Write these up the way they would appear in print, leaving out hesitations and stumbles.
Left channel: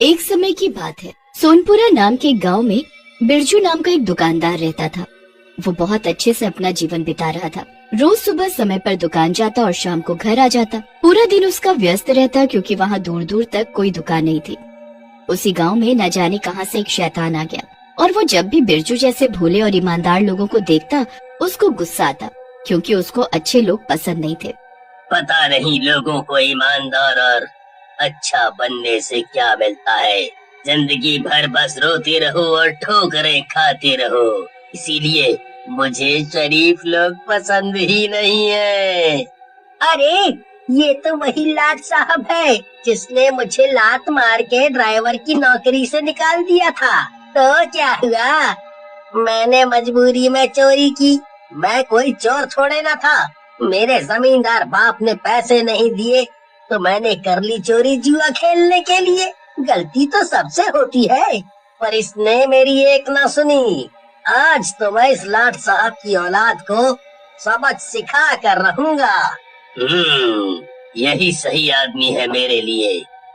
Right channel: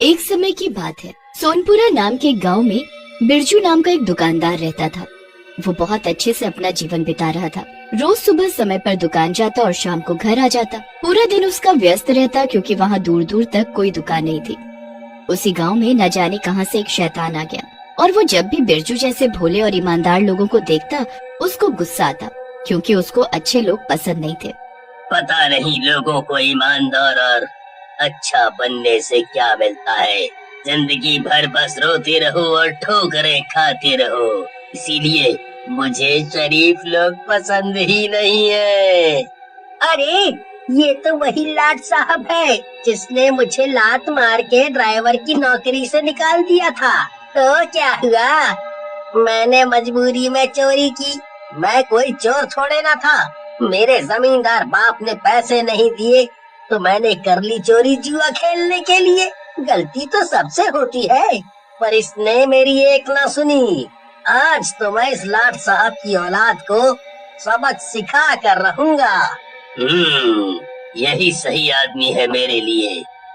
एक समय की बात है। सोनपुरा नाम के गांव में बिरजू नाम का एक दुकानदार रहता था। वो बहुत अच्छे से अपना जीवन बिता रहा था। रोज सुबह समय पर दुकान जाता और शाम को घर आ जाता। पूरा दिन उसका व्यस्त रहता क्योंकि वहाँ दूर दूर तक कोई दुकान नहीं थी। उसी गांव में न जाने कहां से एक शैतान आ गया और वो जब भी बिरजू जैसे भोले और ईमानदार लोगों को देखता उसको गुस्सा आता क्योंकि उसको अच्छे लोग पसंद नहीं थे। पता नहीं लोगों को ईमानदार और अच्छा बनने से क्या मिलता है। जिंदगी भर बस रोते रहो और ठोकरें खाते रहो, इसीलिए मुझे शरीफ लोग पसंद ही नहीं है। अरे ये तो वही लाट साहब है जिसने मुझे लात मार के ड्राइवर की नौकरी से निकाल दिया था। तो क्या हुआ, मैंने मजबूरी में चोरी की। मैं कोई चोर थोड़े ना था। मेरे जमींदार बाप ने पैसे नहीं दिए तो मैंने कर ली चोरी जुआ खेलने के लिए। गलती तो सबसे होती है, पर इसने मेरी एक ना सुनी। आज तो मैं इस लाट साहब की औलाद को सबक सिखा कर रहूंगा। यही सही आदमी है मेरे लिए।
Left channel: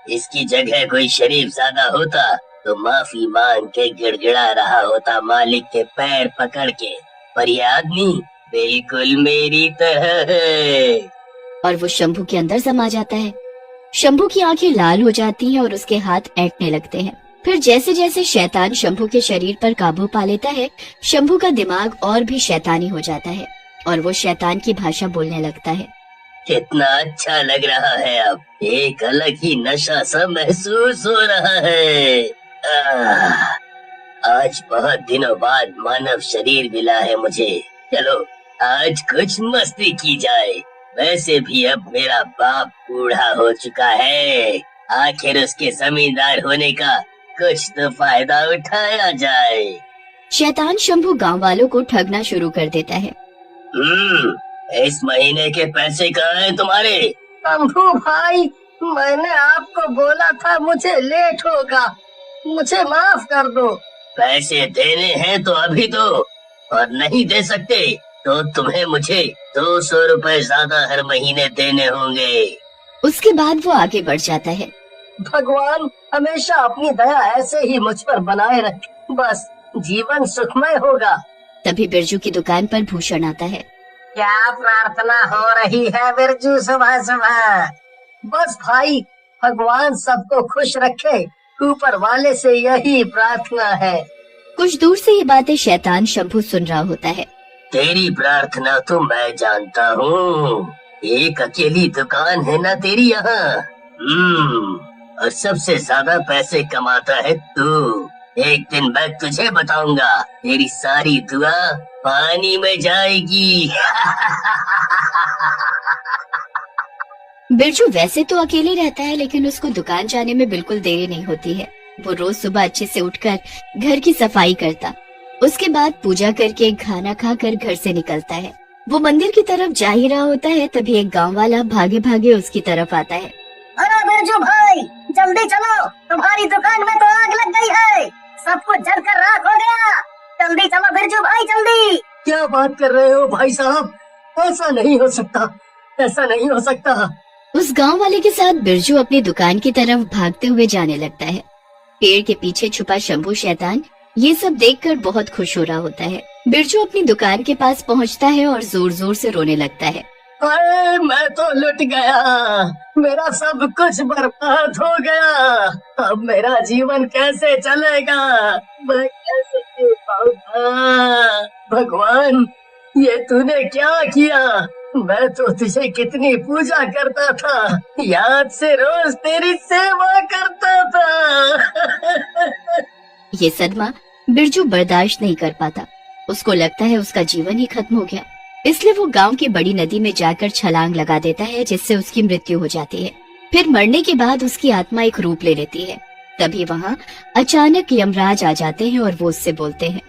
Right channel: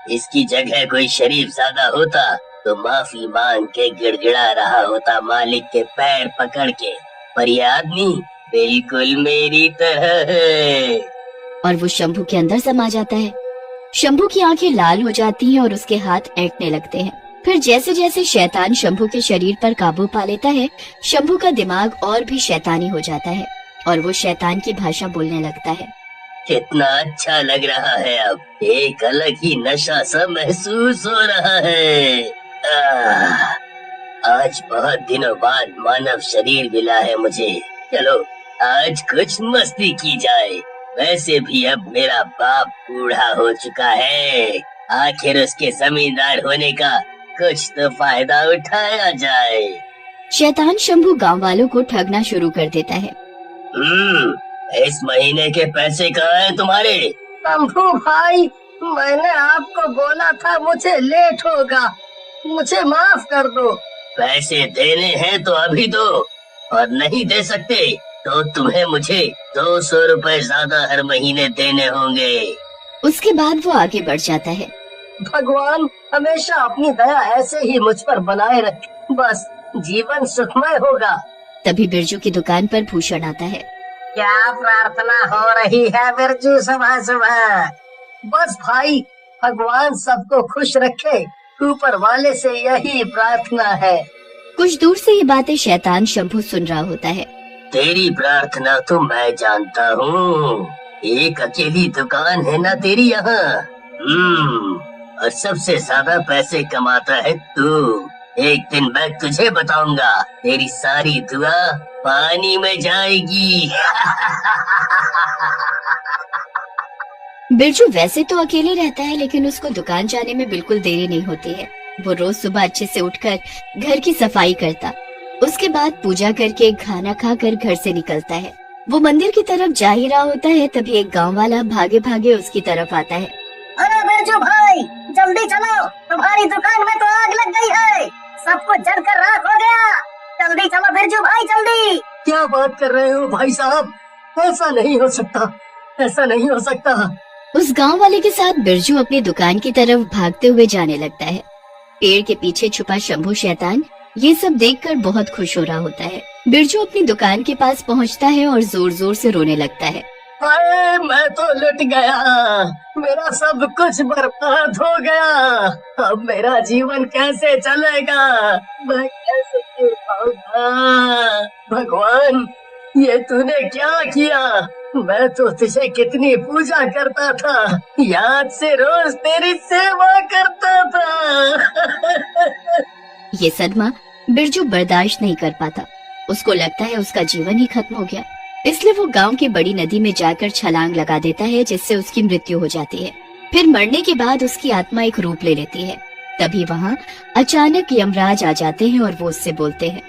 इसकी जगह कोई शरीफ ज्यादा होता तो माफी मांग के गिड़गिड़ा रहा होता मालिक के पैर पकड़ के, पर ये आदमी बिल्कुल मेरी तरह है। और वो शंभू के अंदर समा जाता है। शंभू की आंखें लाल हो जाती हैं और उसके हाथ ऐंठने लगते हैं। फिर जैसे जैसे शैतान शंभू के शरीर पर काबू पा लेता है, शंभू का दिमाग और भी शैतानी हो जाता है और वो शैतान की भाषा बोलने लगता है। कितना अच्छा लग रहा है, अब एक अलग ही नशा सा महसूस हो रहा है। आज बहुत दिनों बाद मानव शरीर मिला है मुझे। चलो आज कुछ मस्ती की जाए। वैसे भी अब मेरा बाप बूढ़ा हो चुका है, आखिर उसके जमींदार होने का कुछ तो फायदा उठाया जाए। शैतान शंभू गांव वालों को ठगना शुरू कर देता है। इस महीने के पैसे कहाँ हैं तुम्हारे? शंभू भाई, मैंने आपको बोला था मुझे लेट होगा, मुझे माफ कर दो। पैसे देने हैं तो अभी दो, और नहीं दे सकते तो तुम्हें मुझे 200 रुपए ज्यादा हर महीने देने होंगे। उसके बाद वो आगे बढ़ जाता है। भगवान हमेशा अपनी दया ऐसे ही मुझ पर बनाए रखे, बस जीवन सुखमय होगा। तभी बिरजू की दुकान पर भूषण आता है। क्या प्रार्थना हो रही है बिरजू सुबह सुबह? बस भाई, भगवान सबको खुश रखे, ऊपर वाले से यही प्रार्थना है। कुछ दूर से ये बातें शैतान शंभू सुन रहा होता है। तेरी प्रार्थना तो मैं जानता हूँ, एक अकेली दुकान है ना तेरी यहाँ। और सबसे ज्यादा पैसे कमाता है तू। एक दिन मैं तुझे बताऊंगा, तेरी सारी दुआ पानी में जाएगी। बिरजू वैसे तो अकेले रहता है, लेकिन उसको दुकान जाने में बिल्कुल देरी नहीं होती है। वो रोज सुबह अच्छे से उठकर घर की सफाई करता, उसके बाद पूजा करके खाना खाकर घर से निकलता है। वो मंदिर की तरफ जा ही रहा होता है, तभी एक गांव वाला भागे भागे उसकी तरफ आता है। अरे बिरजू भाई, जल्दी चलो, तुम्हारी दुकान में तो आग लग गई है, सब कुछ जलकर राख हो गया। जल्दी चलो बिरजू भाई, जल्दी। क्या बात कर रहे हो भाई साहब? ऐसा नहीं हो सकता, ऐसा नहीं हो सकता। उस गांव वाले के साथ बिरजू अपनी दुकान की तरफ भागते हुए जाने लगता है। पेड़ के पीछे छुपा शंभू शैतान ये सब देखकर बहुत खुश हो रहा होता है। बिरजू अपनी दुकान के पास पहुंचता है और जोर जोर से रोने लगता है। अरे मैं तो लुट गया, मेरा सब कुछ बर्बाद हो गया। अब मेरा जीवन कैसे चलेगा, मैं कैसे जी पाऊंगा? भगवान, ये तूने क्या किया? मैं तो तुझे कितनी पूजा करता था, याद से रोज तेरी सेवा करता था। ये सदमा बिरजू बर्दाश्त नहीं कर पाता। उसको लगता है उसका जीवन ही खत्म हो गया, इसलिए वो गांव की बड़ी नदी में जाकर छलांग लगा देता है, जिससे उसकी मृत्यु हो जाती है। फिर मरने के बाद उसकी आत्मा एक रूप ले लेती है। तभी वहाँ अचानक यमराज आ जाते हैं और वो उससे बोलते हैं।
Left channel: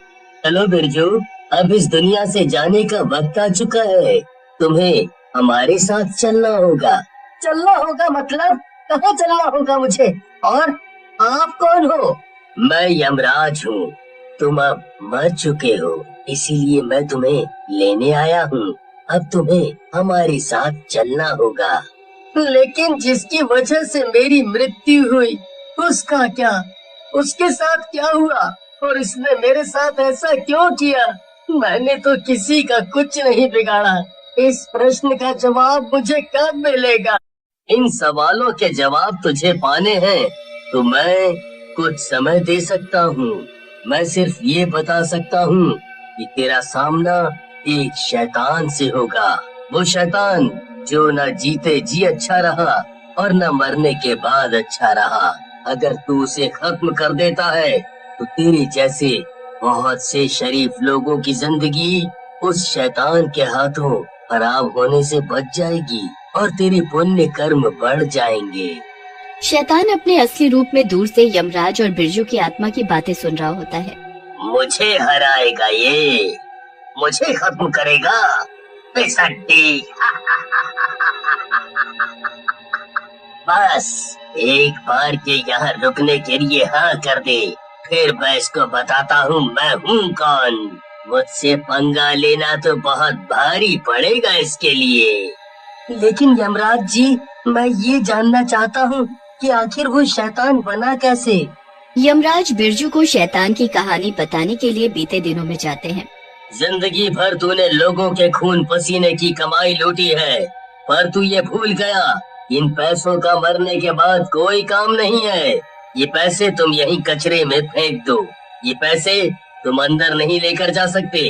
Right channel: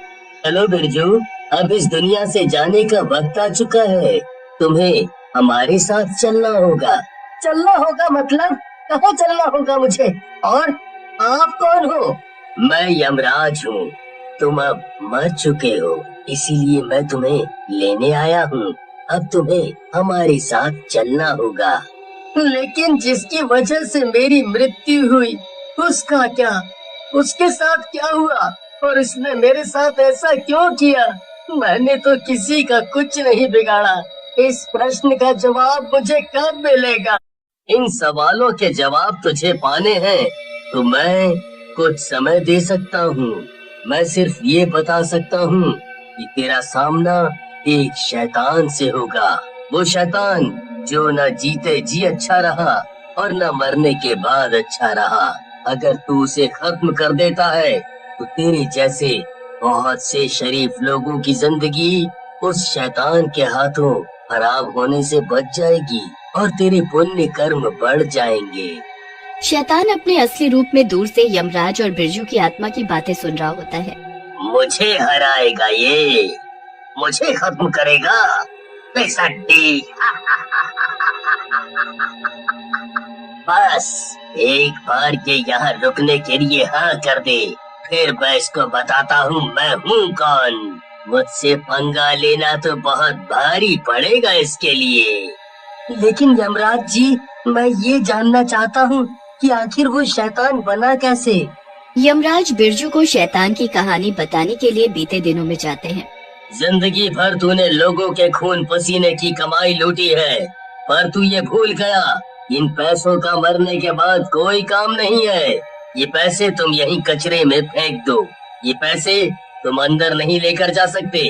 चलो बिरजू, अब इस दुनिया से जाने का वक्त आ चुका है, तुम्हें हमारे साथ चलना होगा। चलना होगा मतलब? कहाँ चलना होगा मुझे? और आप कौन हो? मैं यमराज हूँ। तुम अब मर चुके हो, इसीलिए मैं तुम्हें लेने आया हूँ। अब तुम्हें हमारे साथ चलना होगा। लेकिन जिसकी वजह से मेरी मृत्यु हुई, उसका क्या? उसके साथ क्या हुआ और इसने मेरे साथ ऐसा क्यों किया? मैंने तो किसी का कुछ नहीं बिगाड़ा। इस प्रश्न का जवाब मुझे कब मिलेगा? इन सवालों के जवाब तुझे पाने हैं तो मैं कुछ समय दे सकता हूँ। मैं सिर्फ ये बता सकता हूँ कि तेरा सामना एक शैतान से होगा। वो शैतान जो न जीते जी अच्छा रहा और न मरने के बाद अच्छा रहा। अगर तू उसे खत्म कर देता है तो तेरे जैसे बहुत से शरीफ लोगों की जिंदगी उस शैतान के हाथों खराब होने से बच जाएगी और तेरे पुण्य कर्म बढ़ जाएंगे। शैतान अपने असली रूप में दूर से यमराज और बिरजू की आत्मा की बातें सुन रहा होता है। मुझे हराएगा ये, मुझे खत्म करेगा बेसड्डी। बस एक बार के यहाँ रुकने के लिए हाँ कर दे, फिर मैं इसको बताता हूँ मैं हूँ कौन। मुझसे पंगा लेना तो बहुत भारी पड़ेगा इसके लिए। लेकिन यमराज जी, मैं ये जानना चाहता हूँ कि आखिर वो शैतान बना कैसे? यमराज बिरजू को शैतान की कहानी बताने के लिए बीते दिनों में जाते हैं। जिंदगी भर तूने लोगों के खून पसीने की कमाई लूटी है, पर तू ये भूल गया इन पैसों का मरने के बाद कोई काम नहीं है। ये पैसे तुम यहीं कचरे में फेंक दो। ये पैसे तुम अंदर नहीं लेकर जा सकते।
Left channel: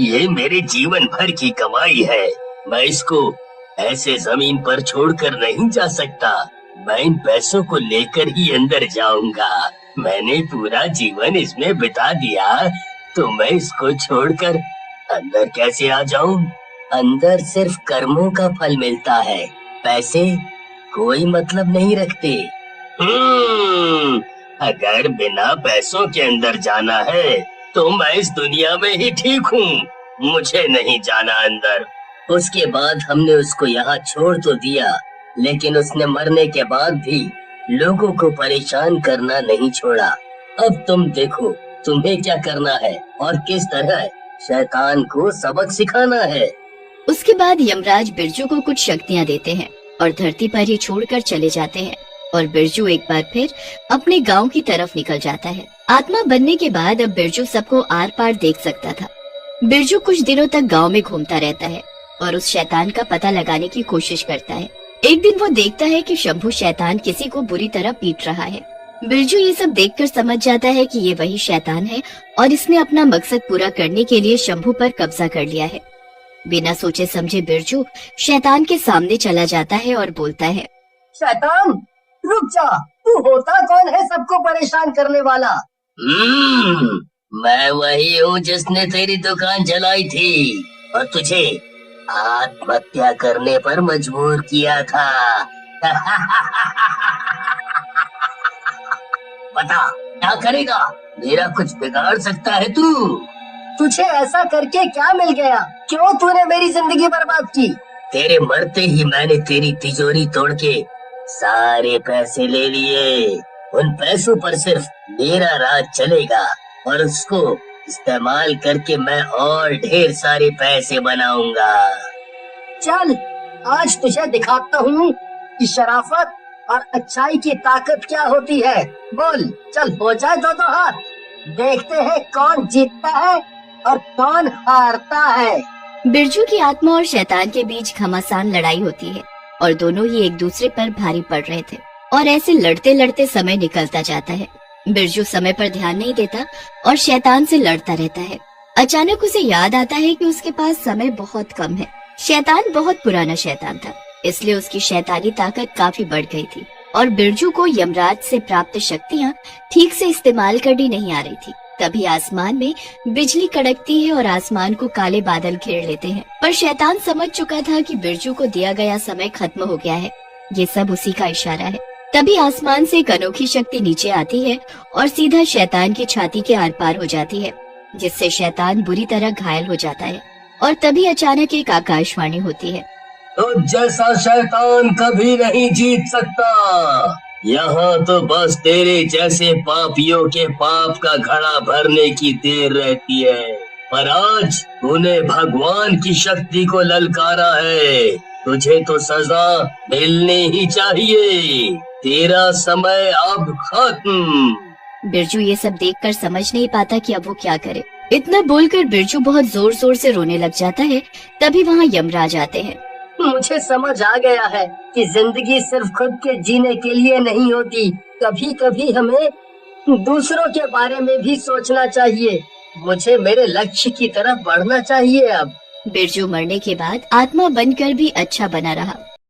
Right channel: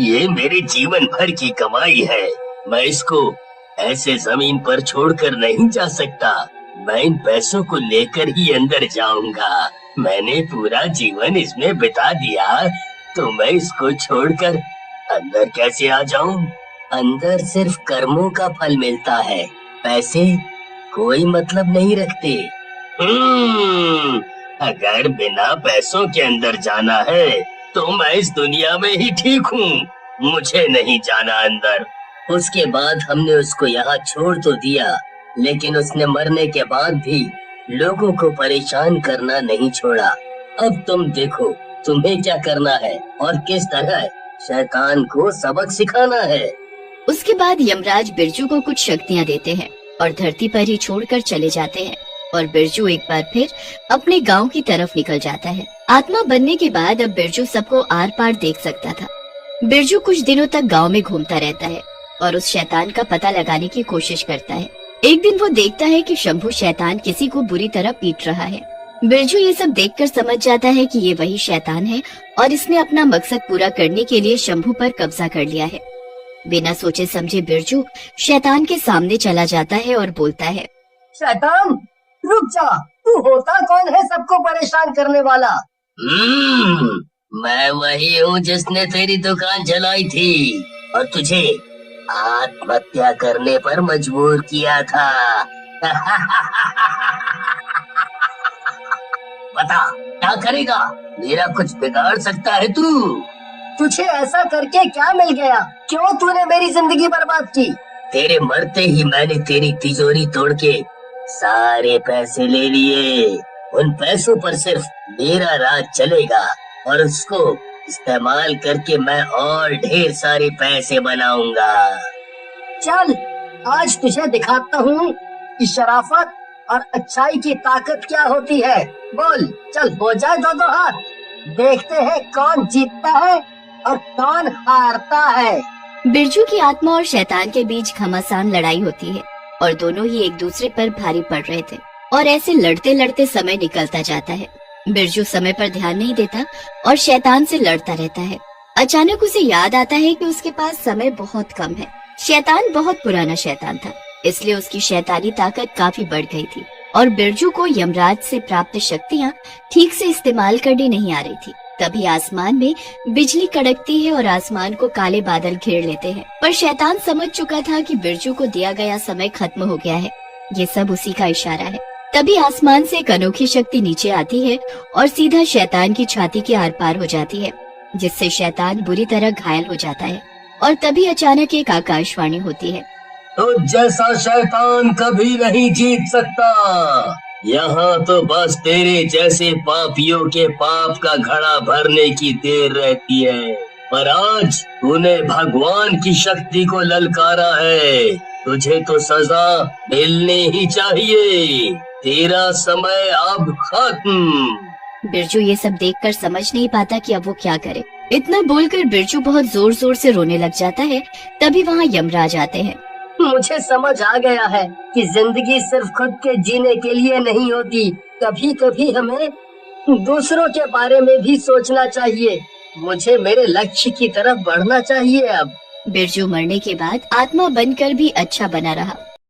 ये मेरे जीवन भर की कमाई है, मैं इसको ऐसे जमीन पर छोड़कर नहीं जा सकता। मैं इन पैसों को लेकर ही अंदर जाऊंगा। मैंने पूरा जीवन इसमें बिता दिया तो मैं इसको छोड़कर अंदर कैसे आ जाऊं? अंदर सिर्फ कर्मों का फल मिलता है, पैसे कोई मतलब नहीं रखते। अगर बिना पैसों के अंदर जाना है तो मैं इस दुनिया में ही ठीक हूँ, मुझे नहीं जाना अंदर। उसके बाद हमने उसको यहाँ छोड़ तो दिया, लेकिन उसने मरने के बाद भी लोगों को परेशान करना नहीं छोड़ा। अब तुम देखो तुम्हें क्या करना है और किस तरह शैतान को सबक सिखाना है। उसके बाद यमराज बिरजू को कुछ शक्तियाँ देते हैं और धरती पर ही छोड़कर चले जाते हैं और बिरजू एक बार फिर अपने गांव की तरफ निकल जाता है। आत्मा बनने के बाद अब बिरजू सबको आर पार देख सकता था। बिरजू कुछ दिनों तक गांव में घूमता रहता है और उस शैतान का पता लगाने की कोशिश करता है। एक दिन वो देखता है कि शंभू शैतान किसी को बुरी तरह पीट रहा है। बिरजू ये सब देखकर समझ जाता है कि ये वही शैतान है और इसने अपना मकसद पूरा करने के लिए शंभू पर कब्जा कर लिया है। बिना सोचे समझे बिरजू शैतान के सामने चला जाता है और बोलता है, शैतान रुक जा, तू होता कौन है सबको परेशान करने वाला? मैं वही हूँ जिसने तेरी दुकान जलाई थी और तुझे आत्महत्या करने पर मजबूर किया था। बता क्या करेगा? मेरा कुछ बिगाड़ सकता है तू? तुझे ऐसा करके क्या मिल गया? क्यों तूने मेरी जिंदगी बर्बाद की? तेरे मरते ही मैंने तेरी तिजोरी तोड़ के सारे पैसे ले लिए। उन पैसों पर सिर्फ मेरा राज चलेगा और उसको इस्तेमाल करके मैं और ढेर सारे पैसे बनाऊंगा। चल आज तुझे दिखाता हूँ कि शराफत और अच्छाई की ताकत क्या होती है। बोल चल हो जाए दो हाथ, देखते हैं कौन जीतता है और कौन हारता है। बिरजू की आत्मा और शैतान के बीच घमासान लड़ाई होती है और दोनों ही एक दूसरे पर भारी पड़ रहे थे और ऐसे लड़ते लड़ते समय निकलता जाता है। बिरजू समय पर ध्यान नहीं देता और शैतान से लड़ता रहता है। अचानक उसे याद आता है कि उसके पास समय बहुत कम है। शैतान बहुत पुराना शैतान था, इसलिए उसकी शैतानी ताकत काफी बढ़ गई थी और बिरजू को यमराज से प्राप्त शक्तियाँ ठीक से इस्तेमाल करनी नहीं आ रही थी। तभी आसमान में बिजली कड़कती है और आसमान को काले बादल घेर लेते हैं। पर शैतान समझ चुका था कि बिरजू को दिया गया समय खत्म हो गया है, ये सब उसी का इशारा है। तभी आसमान से एक अनोखी शक्ति नीचे आती है और सीधा शैतान की छाती के आर पार हो जाती है, जिससे शैतान बुरी तरह घायल हो जाता है। और तभी अचानक एक आकाशवाणी होती है, तो जैसा शैतान कभी नहीं जीत सकता। यहाँ तो बस तेरे जैसे पापियों के पाप का घड़ा भरने की देर रहती है। पर आज तूने भगवान की शक्ति को ललकारा है, तुझे तो सजा मिलनी ही चाहिए। तेरा समय अब खत्म। बिरजू ये सब देखकर समझ नहीं पाता कि अब वो क्या करे। इतना बोलकर बिरजू बहुत जोर जोर से रोने लग जाता है। तभी वहाँ यमराज आते हैं। मुझे समझ आ गया है कि जिंदगी सिर्फ खुद के जीने के लिए नहीं होती, कभी कभी हमें दूसरों के बारे में भी सोचना चाहिए। मुझे मेरे लक्ष्य की तरफ बढ़ना चाहिए अब। बिरजू मरने के बाद आत्मा बनकर भी अच्छा बना रहा।